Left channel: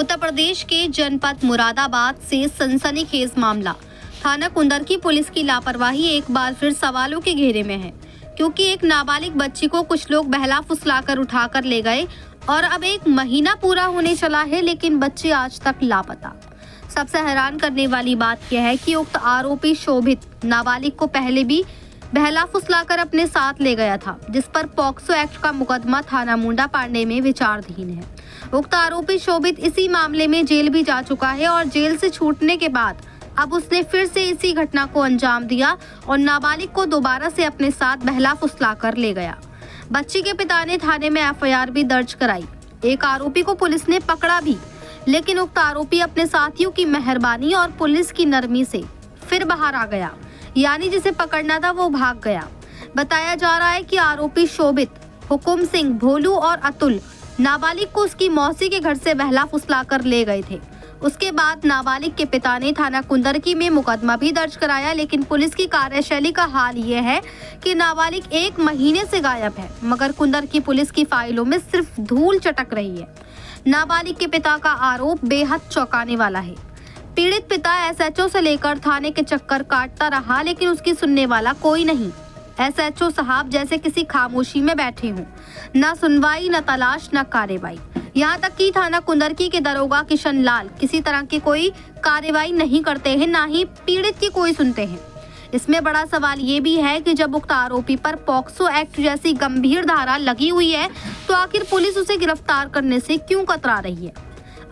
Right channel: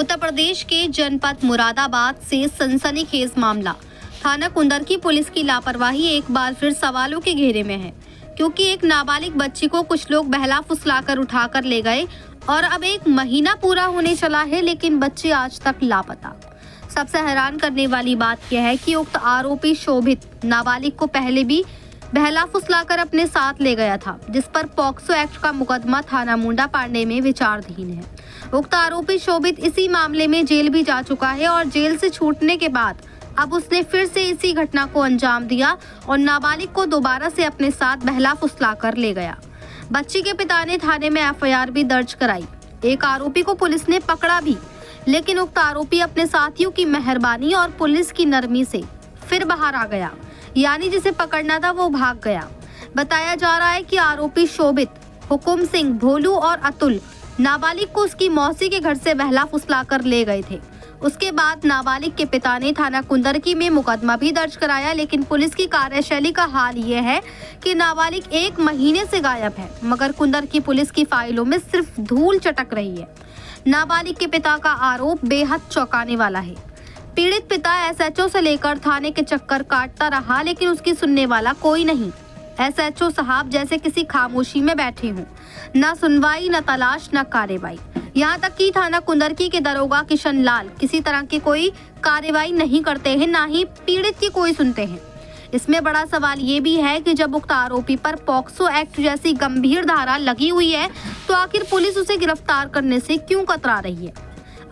उत्तर प्रदेश के जनपद मुरादाबाद से सनसनीखेज मामला। थाना कुंदरकी पुलिस की लापरवाही एक बार फिर सवालों के घेरे में है, क्योंकि एक नाबालिग बच्ची को कुछ लोग बहला फुसलाकर उठाकर ले गए और अब 1 महीना पूरा होने चला है, लेकिन बच्चे आज तक लापता। सबसे हैरान करने वाली बात यह है कि उक्त आरोपी शोभित नाबालिग को पहले भी बहला फुसलाकर अपने साथ ले गया था, जिस पर पॉक्सो एक्ट का मुकदमा थाना मुंडा पांडे में विचाराधीन है। उक्त आरोपी शोभित इसी मामले में जेल भी जा चुका है और जेल से छूटने के बाद अब उसने फिर से इसी घटना को अंजाम दिया और नाबालिग को दोबारा से अपने साथ बहला फुसलाकर ले गया। बच्ची के पिता ने थाने में एफआईआर भी दर्ज कराई। एक आरोपी को पुलिस ने पकड़ा भी, लेकिन उक्त आरोपी अपने साथियों की मेहरबानी और पुलिस की नरमी से फिर बाहर आ गया, यानी जिसे पकड़ना था वो भाग गया। बताया जा रहा है कि आरोपी शोभित, हुकुम सिंह, भोलू और अतुल नाबालिग को उसकी मौसी के घर से बहला फुसलाकर ले गए थे। उसके बाद नाबालिग के पिता ने थाना कुंदरकी में मुकदमा भी दर्ज कराया, लेकिन पुलिस की कार्यशैली का हाल ये है कि नाबालिग 1 महीने से गायब है, मगर कुंदरकी पुलिस की फाइलों में सिर्फ धूल चटक रही है। नाबालिग के पिता का आरोप बेहद चौंकाने वाला है। पीड़ित पिता एसएचओ से लेकर थाने के चक्कर काटता रहा, लेकिन उसकी सुनने वाला कोई नहीं। एसएचओ साहब जैसे किसी खामोशी में बैठे हों, न सुनवाई, न तलाश, न कार्रवाई। यहाँ तक कि थाना कुंदरकी के दरोगा किशन लाल किसी तरह की कोई कार्रवाई नहीं करते हैं, ना ही पीड़ित की कोई सुनते हैं। इसमें बड़ा सवाल ये भी है कि जब उक्त आरोपी पर पॉक्सो एक्ट जैसी गंभीर धारा लगी हुई है, तो आखिर पुलिस उसे गिरफ्तार करने से क्यों कतरा रही है।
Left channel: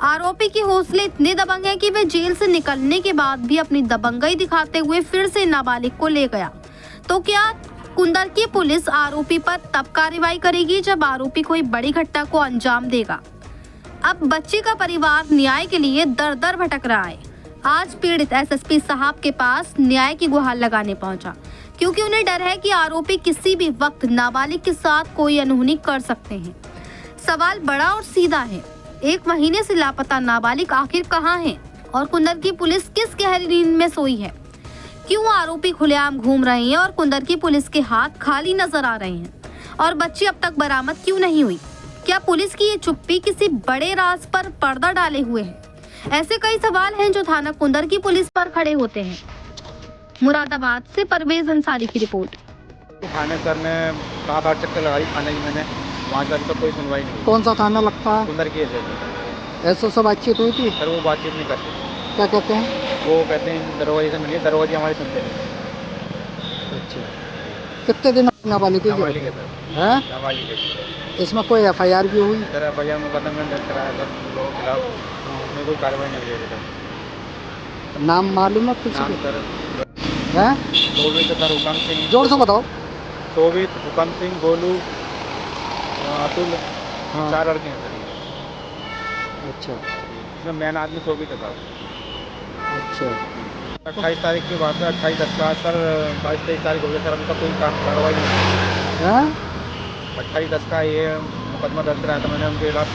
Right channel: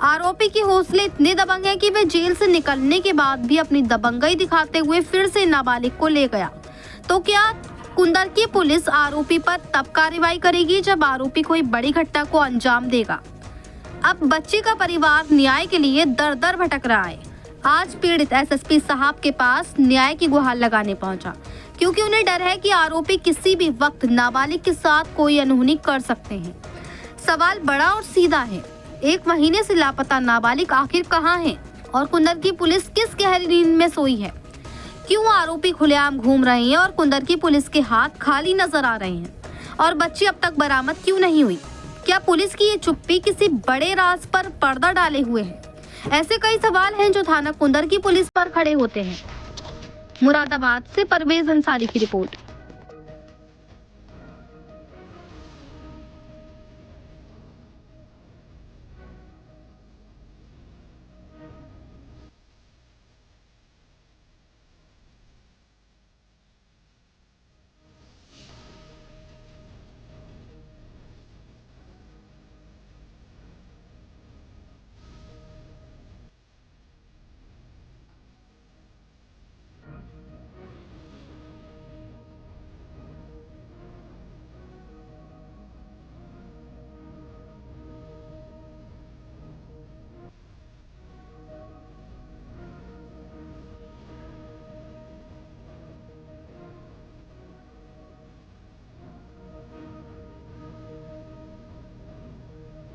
आरोपी के हौसले इतने दबंग हैं कि वह जेल से निकलने के बाद भी अपनी दबंगई दिखाते हुए फिर से नाबालिग को ले गया। तो क्या कुंदरकी पुलिस आरोपी पर तब कार्रवाई करेगी जब आरोपी कोई बड़ी घटना को अंजाम देगा। अब बच्ची का परिवार न्याय के लिए दर दर भटक रहा है। आज पीड़ित एसएसपी साहब के पास न्याय की गुहार लगाने पहुंचा, क्योंकि उन्हें डर है कि आरोपी किसी भी वक्त नाबालिग के साथ कोई अनहोनी कर सकते हैं। सवाल बड़ा और सीधा है, 1 महीने से लापता नाबालिग आखिर कहाँ है और कुंदरकी पुलिस किस गहरी नींद में सोई है। क्यों आरोपी खुलेआम घूम रहे हैं और कुंदरकी पुलिस के हाथ खाली नजर आ रहे हैं, और बच्ची अब तक बरामद क्यों नहीं हुई। क्या पुलिस की ये चुप्पी किसी बड़े राज पर पर्दा डाले हुए है। ऐसे कई सवाल हैं जो थाना कुंदरकी पुलिस पर खड़े होते हैं। मुरादाबाद से परवेज अंसारी की रिपोर्ट। थाने सर ने 7-8 चक्कर लगाई थाने की, मैंने वहाँ से अभी तक कोई सुनवाई नहीं। कौन सा थाना लगता है? कुंदरकी ऐसा सब बातचीत हुई थी? सर वो बातचीत नहीं करते। क्या कहते हैं? वो कहते हैं दरोगा से मिलिए, दरोगा जी हमारी सुनते नहीं। अच्छा, कितने दिन नाबालिग की नाबालिग है है? सर, नाबालिग है। इसमें कोई एफआईआर भी हुई? सर एफआईआर मुकदमा दर्ज कराया सर लोगों के खिलाफ, उसमें कोई कार्रवाई नहीं हुई अभी तक। नाम मालूम है कुछ? नाम सर है शोभित सर, हुकम सिंह। जोर से बताओ। शोभित, हुकम सिंह, गोलू, अतुल, हाँ। 4 लड़के हैं सर। अच्छा, इसमें मेन आदमी शोभित है सर। अच्छा। 28 तारीख की बात है, 28/10 का सर, 22-23 तारीख हो गई सर, अभी तक कोई कार्रवाई नहीं हुई। है 28/10 का ये मुकदमा दर्ज कराया था मैंने उनके खिलाफ।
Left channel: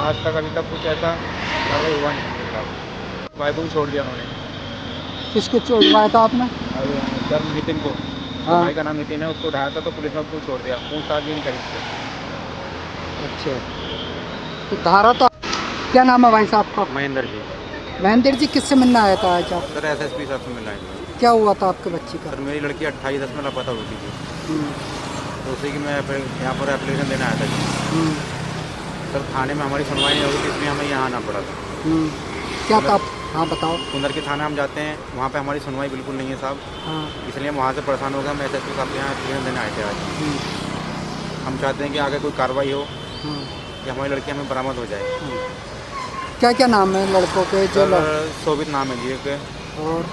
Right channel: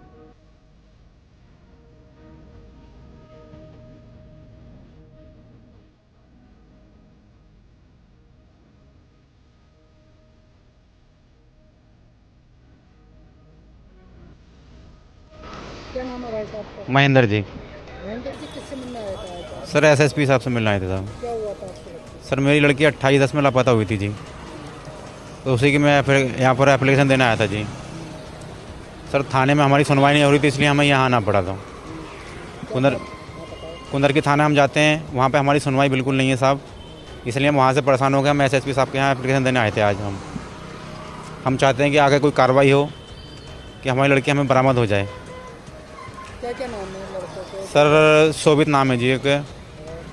आज तक अभी तक कुछ ऐसा कार्रवाई हुआ नहीं उनके खिलाफ। भाई को भी छोड़ दिया उन्होंने। किसको छोड़वाया था आपने? और सर नितिन को, हाँ। भाई का नाम नितिन है, उसको उठाया था तो पुलिस ने उसको छोड़ दिया, पूछताछ भी नहीं करी उससे। अच्छा, तो धारा तो क्या नाम है भाई साहब का? महेंद्र जी। महेंद्र जी, किससे मिलना आया था आज आप? सर एसएसपी साहब से मिलना आया था। क्या हुआ था आपके बच्ची का? सर मेरी लड़की 28/10 में लापता हुई थी जी, तो उसी की मैं यहाँ पर एप्लीकेशन देने आया था जी। सर थाने में हमारी सुनवाई नहीं हो रही थी, इसलिए हमें यहाँ आना पड़ा था। क्या था? हाँ बताओ। कुंदरकी थाना हम जाते हैं, वहाँ पे हमारी सुनवाई बिल्कुल नहीं है साहब। हाँ। इसलिए हम वहाँ से परेशान हो गए। हम एसएसपी साहब के यहाँ एप्लीकेशन देने आए थे आज। हम चाहते हैं कि आगे कोई कार्रवाई हो कि हमारी लड़की हमें बरामद हो जाए। क्या क्या नाम है लड़कों के? सर शोभित नाम है जी एक, और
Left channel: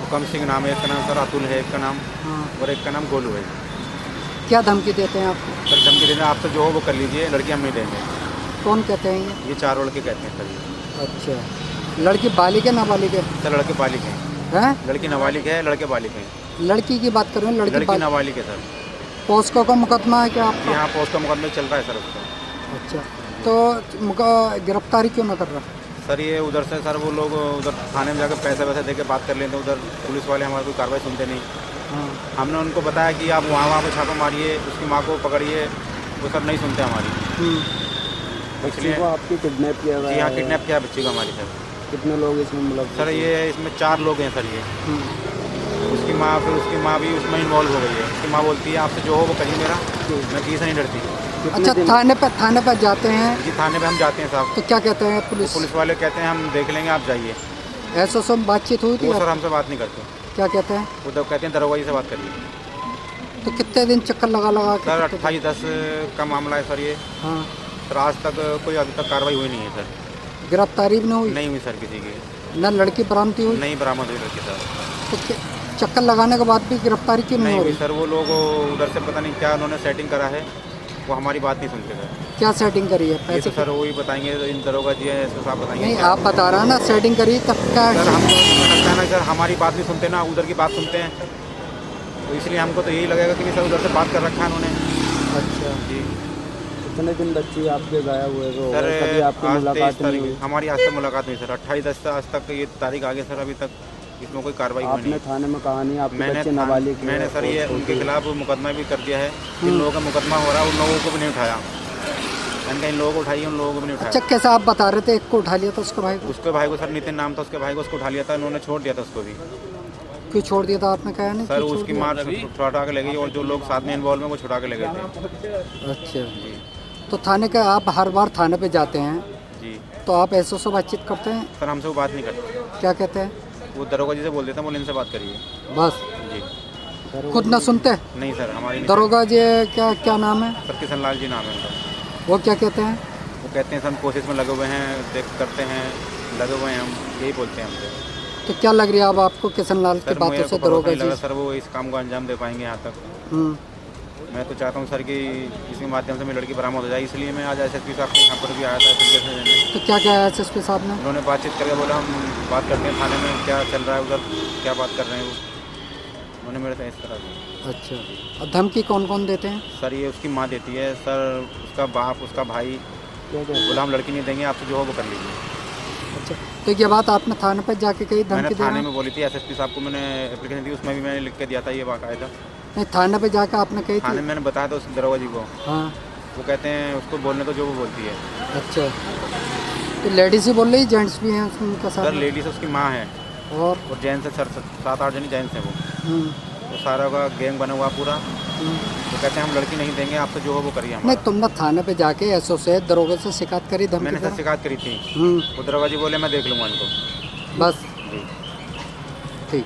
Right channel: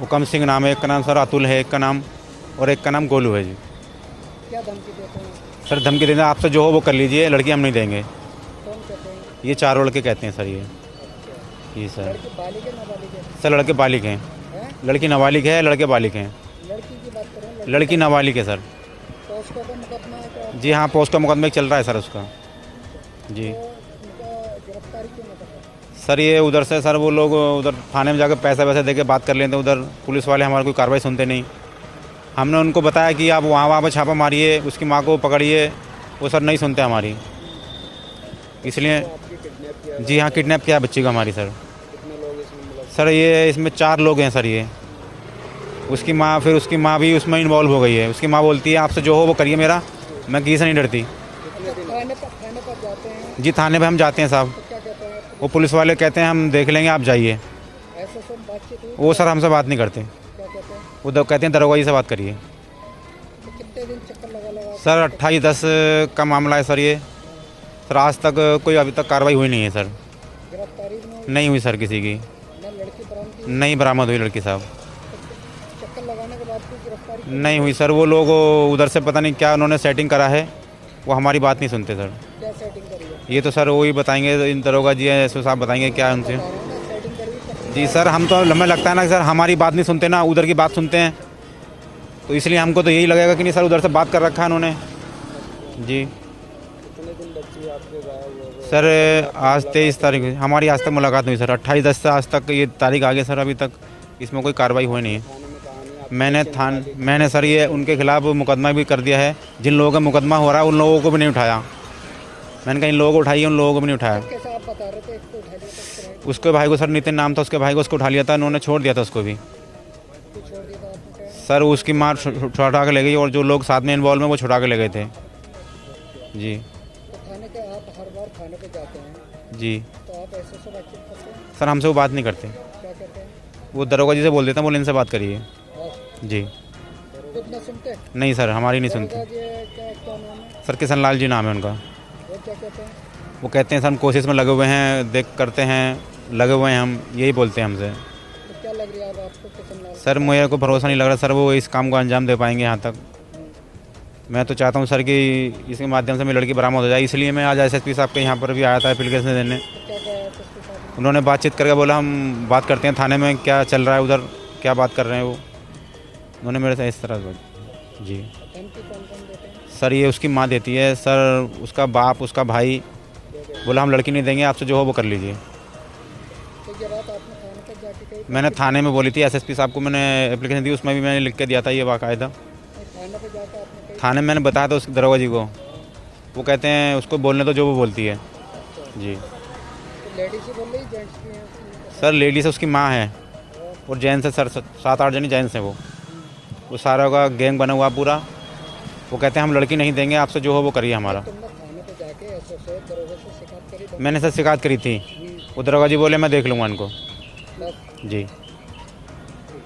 हुकम सिंह नाम है एक का नाम, सर अतुल है एक का नाम, और एक का नाम गोलू है जी। क्या धमकी देते हैं आपको? सर धमकी देते हैं, आपसे जो हो वो कर लीजिए, लड़की हम नहीं देंगे। कौन कहते हैं ये 4 लड़के कहते हैं सर ये। अच्छा, जी सर। लड़की बालिग है नाबालिग है? सर लड़के बालिग हैं। हैं? लड़की नाबालिग है, लड़के बालिग हैं। लड़की की बात करूँ? लड़की नाबालिग है सर। पॉस्को का मुकदमा है क्या आपका? जी हाँ, पोस्ट का मुकदमा चल रहा है सर उसका। अच्छा, जी। तो गिरफ्तारी क्यों न कर रहा? सर ये उधर से सर वो लोग उधर थाने में जाकर पैसे वैसे दे के बात कर लेते, उधर पुलिस वाले हमारी कोई कार्रवाई सुनते नहीं। हाँ। हमने उनको बताया कि आप वहाँ पे छापा मारिए, उसकी माँ को पकड़िए, वो सर नहीं सुनते हमारी। इसलिए आपकी किडनैप किया जी हाँ, किडनैप किया बच्ची को हमारी सर। कितने लोग इसमें मतलब सर ये इसमें 4 लोग हैं सर ये। उसकी माँ, फिर उसकी माँ भी उसमें इन्वॉल्व हो गई है। उसकी माँ बोलती है आपसे जो हो वो करिए मेरा, मैं किसी से नहीं डरती। अच्छा, थाने पर जाते हैं जी थाने पे हम जाते हैं साहब, तो क्या कहते हैं वो पुलिस वाले कहते हैं हम देख लेंगे, आप जाइए। ऐसा सब बातचीत हुई थी वो सर हमसे बात नहीं करते, क्या कहते हैं? वो कहते हैं दरोगा जी से बात करिए। तो कितने दिन चक्कर लगा के सर 28/10 का मामला है सर ये। हाँ, सर आज तक कोई अभी तक कार्रवाई हुई नहीं है सर। गिरफ्तारी भी नहीं हुई सर किसी की, न लड़की बरामदी हुई? नहीं बरामद हुई लड़की साहब। तो चक्कर लगाने के बाद भी गिरफ्तारी क्यों नहीं हुई सर। वो लोग उधर से पता नहीं क्या उन्होंने सेटिंग करा है, वो हमारी बात नहीं सुनते सर। क्या सेटिंग करी है? ये तो सर वही बताएंगे, इन दरोगा जी है एसओ साहब बताएंगे क्या आप बता रहे हैं ना सेटिंग करी तब जी क्या? सर हम तो हमें लगता है ना सर हमारी बात नहीं सुनते ना, उधर की बात सुनते हैं, तो इसलिए हमको तो यही लगेगा कि नहीं सर उधर से बात कर रखा है उन्होंने। अच्छा, जी कितने दिन बच्ची आपके गायब हुए? सर आज 23 तारीख हमारी आज तक मुलाकात नहीं हुई सर। 28/10 से आज तक ये तारीख आगे सर, अभी तक इसमें कोई कार्रवाई हुई नहीं है। थाने में कहा नहीं आप? मैंने सर ये उनके खिलाफ मुकदमा भी कर दिया है। जिन लोगों का मुकदमा हो रहा है उन लोगों को भी नहीं उठाया। मैंने कहा इन लोगों को उठाइए, उन लोगों को भी नहीं उठाया। अच्छा, कैसा आप बता रहे थे एक को उठा लिया था उसके भाई को? उसके भाई को सर नितिन नाम था उसके भाई को, उसको उठा लिया था, उन्होंने छोड़ दिया था उसको भी। क्यों छोड़ दिया था आपने कहा नहीं? सर उसकी मार छुड़ा के ले गई और जो लोग साथ में इन्वॉल्व हैं वो छुड़ा के ले गए थे। अच्छा जी तो थाने का आप हर बार थाने पे जाते हैं जी तो आप ऐसो से बातचीत करते हैं? सर हमसे वो बात नहीं करते, क्या कहते हैं? वो दरोगा जी से बोल देते हैं, बोले इनसे बात करिए। बस जी खुद ना सुनते? नहीं सर हमारी नहीं दरोगा जी क्या नाम है? सुनते। सर किशन लाल जी नाम है उनका। वो क्या कहते हैं? वो कहते हैं सर हम कोशिश में लगे हुए हैं, देख करते हैं, लगे हुए हैं, हम यही बोलते हैं हमसे। तो क्या लग रही है अब आपको किशन लाल की सर बातों मुझे से को भरोसा नहीं लग रहा दरोगा सर वो इस काम को अंजाम दे पाएंगे यहाँ तक। जी? मैं तो चाहता हूँ सर कि इसके माध्यम से मेरी लड़की बरामद हो जाए, इसलिए मैं आज एसएसपी साहब के यहाँ पर भी आया था एप्लीकेशन देने। तो क्या क्या है एसएसपी साहब ने? उन्होंने बातचीत करके बोला हम बात करते हैं थाने में, क्या चल रहा है उधर, क्या बात कर रहे हैं वो। उन्होंने मेरे से इस तरह से अच्छा जी। और धमकी कौन कौन देते हैं? सर ये उसकी माँ देती है सर, उसका बाप, उसका भाई बोला हम लड़की नहीं देंगे, आपसे जो हो वो कर लीजिए। अच्छा, तो ये बात आपने थाने पर जाके कही? मैंने थाने में बोली थी, एसएसपी साहब को मैंने एप्लीकेशन दी, उसमें भी मैंने लिख के दिया था ये बाकायदा। नहीं, थाने पे जाके आपने कही? थाने में मैंने बताया था उस दरोगा जी को, हाँ। वो कहते हैं उसको बोलने दो जो वो बोलती है। अच्छा, जी तो लेडीज ही बोल रही, जेंट्स भी हैं उनका साथ? सर लेडीज है, उसकी माँ है और जेंट्स है सर, 7-8 जनी जेंट्स है वो। हम्म, वो सारा का गैंग बना हुआ पूरा। हम्म। वो कहते हैं हम लड़की नहीं देंगे, आपसे जो हो वो करिए नहीं, हमारा। तुमने थाने पे जाके एसओ से दरोगे से शिकायत करी? धमकी मैंने सर का? शिकायत करी थी, हम्म, वो दरोगा जी बोले मैं देख लूँगा इनको। बस जी ठीक।